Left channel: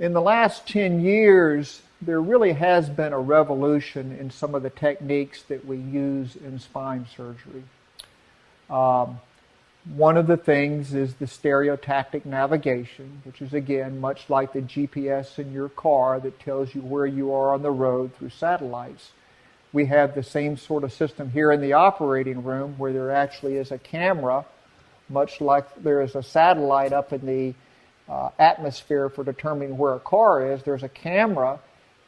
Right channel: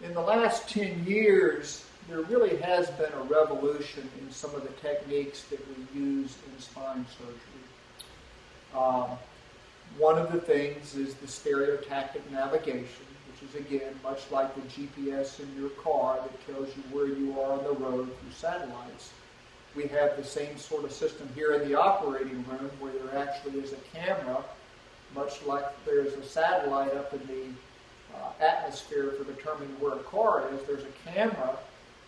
In the last 10 years, there really has been a revolution in some of the techniques that we use in spine surgery. One of the things is the stereotactic navigation, which is, again, much like the GPS in your car that tells you where you are on the road through satellites. We have the same sort of system here in the operating room where there actually is a camera, much like there is a satellite up in the atmosphere for determining where a car is. There's a camera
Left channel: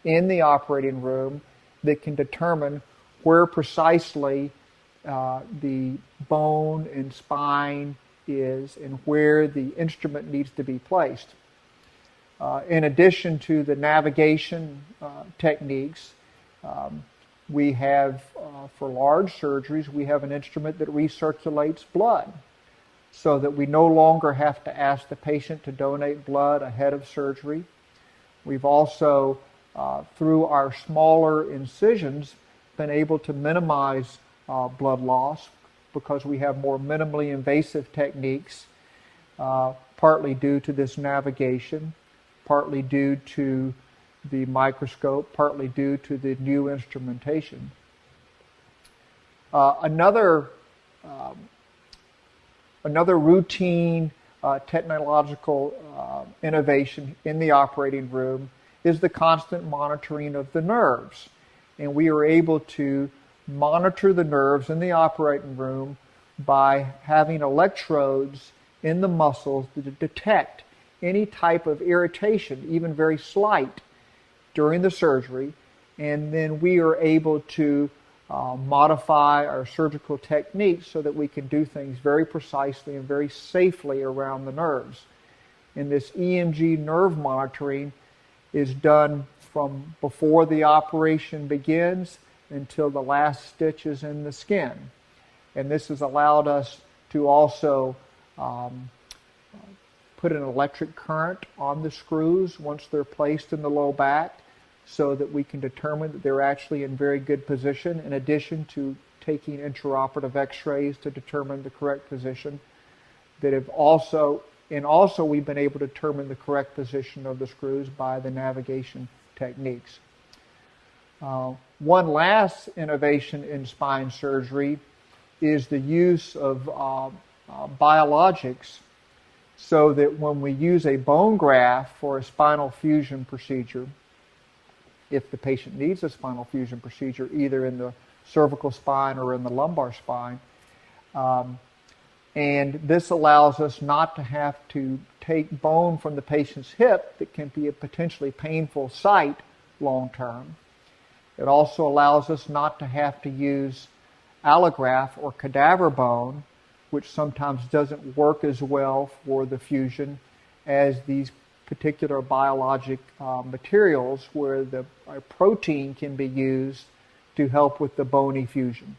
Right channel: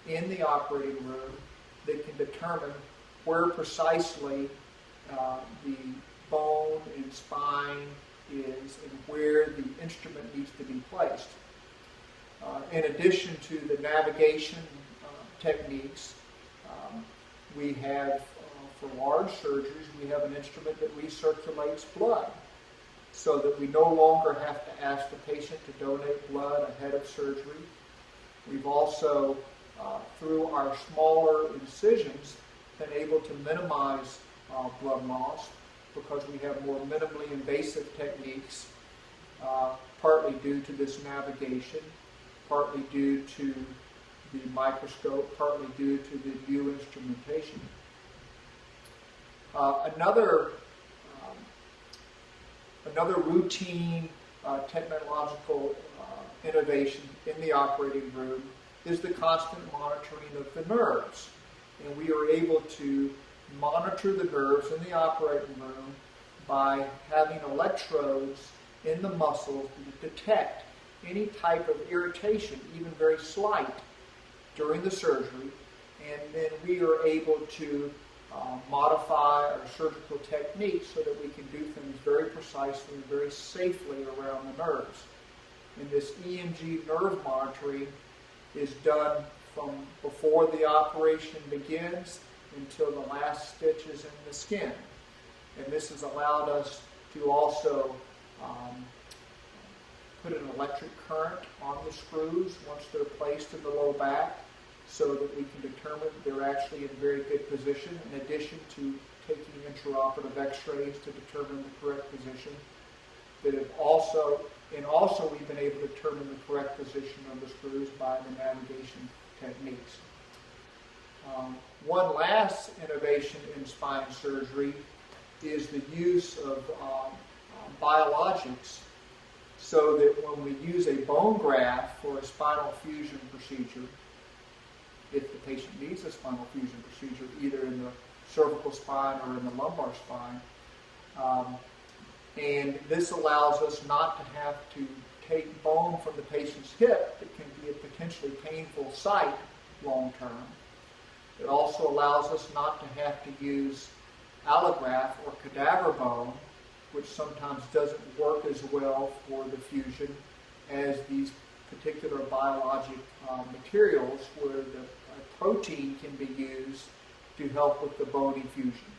in the operating room that can determine where precisely the bone and spine is and where the instrument needs to be placed. In addition to the navigation techniques, we have, for large surgeries, we have an instrument that recirculates blood so that we no longer have to ask the patient to donate blood ahead of surgery. We've also, through our smaller incisions, been able to minimize blood loss because we have more minimally invasive techniques, partly due to this navigation, partly due to the microscope, partly due to the new instrumentation. Another routine technological innovation in the operating room is the constant monitoring of the nerves. And we are able to monitor the nerves in the operating room by having electrodes in the muscles to detect any type of irritation, even very slight, during the surgery. And then we are able to modify our surgical techniques so that we can do things very precisely and very safely around the nerves. And this EMG nerve monitoring is done from before the operation begins until the last stitch is in the skin. And this has allowed us to also put an electric current on the screws once they're placed in the low back so that we can determine that they're actually in very good position, in addition to taking intraoperative x-rays to determine the correct position. Also we've been able to determine the correct position of the screws by the navigation techniques. One last innovation in spine surgery is the use of biologics, so that when we use a bone graft for a spinal fusion procedure, if the patient needs a spinal fusion procedure, either in the cervical spine or in the lumbar spine, and this allows us not to have to take bone from the patient's hip that can be a potentially painful site long term. It also allows us not to have to use allograft or cadaver bone, which sometimes doesn't work as well for the fusion as these particular biologic materials where a protein can be used to help with the bony fusion.